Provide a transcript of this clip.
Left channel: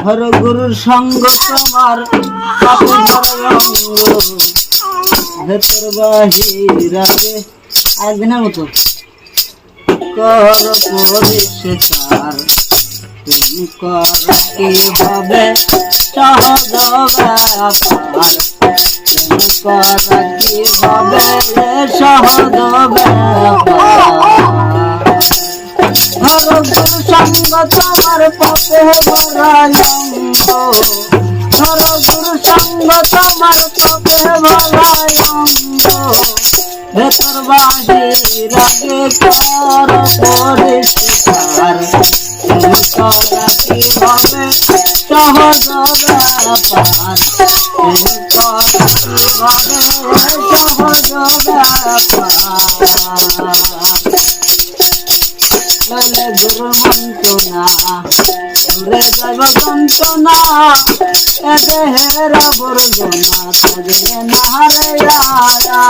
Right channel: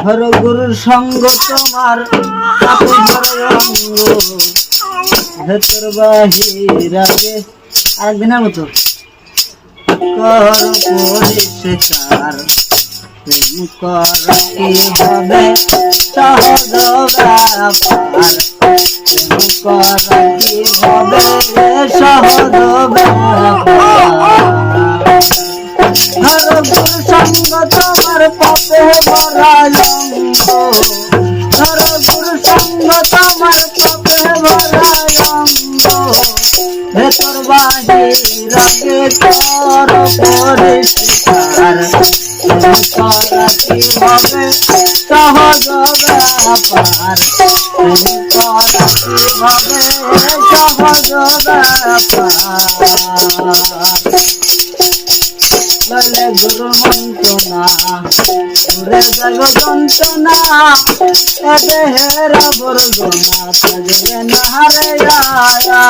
হর গুরুর সঙ্গ তোমার আপন রঙ্গ ভেতর বাহির আগে আরেকদিনের মতো কর পরিষ্কার প্রেম করা কি হবে সহজ ব্যাপার প্রেম করা কি হবে সহজ ব্যাপার হর গুরু সঙ্গ তোমার পাপে ভরায়ঙ্গ হর গুরু সঙ্গ তোমার পাপে ভরায়ঙ্গ ভেতর বাহির আগে কর পরিষ্কার প্রেম করা কি হবে সহজ ব্যাপার প্রেম করা কি হবে সহজ ব্যাপার ললে গুরু মন্ত্রণা দূরে যাইব যন্ত্রণা এ দেহের আবর্জনা থাকবে না রে আয়া